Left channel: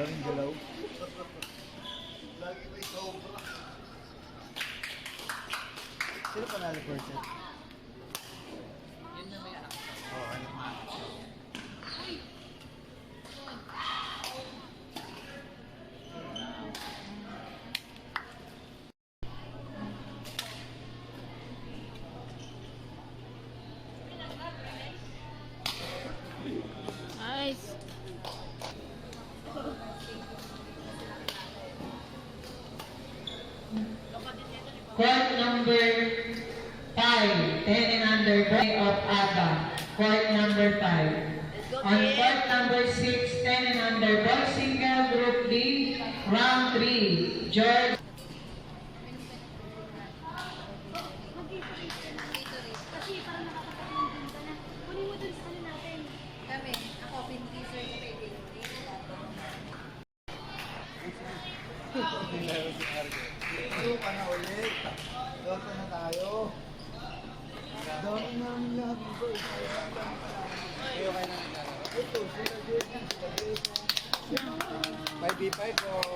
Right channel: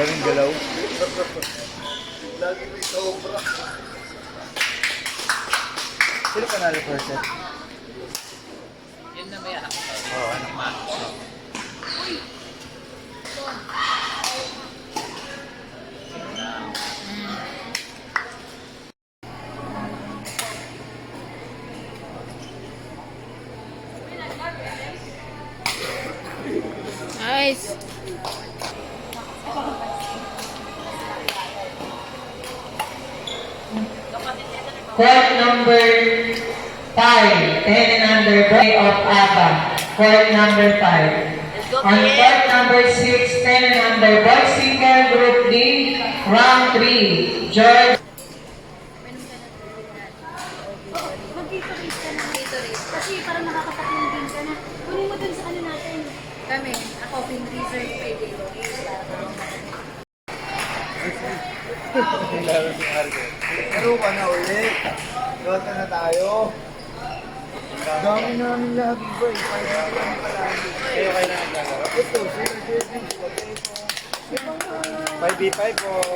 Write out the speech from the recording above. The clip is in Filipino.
Daming galaw. Lagi may sobra. Sino panalo first set? Yun na may anak ko. Oo, anak ma. Nice. Court number 5, 10 and under, Boy of ABBA. Court number 5. On court number 6, 10 and under, boy single, group D, round 3. George. Mag-favorite ka na kasi parang nakakatatlong game ka na. Kunin mo dun sa ano natin. Kami, ako, pin-reserve kay Dito. Laro ka na ulit. Dota na tayo. Dami namin lagi ba eh. Kaya lang pala. Kayo na naglalaro? Ito, sila Jerry, sila Deso. 5v5 o...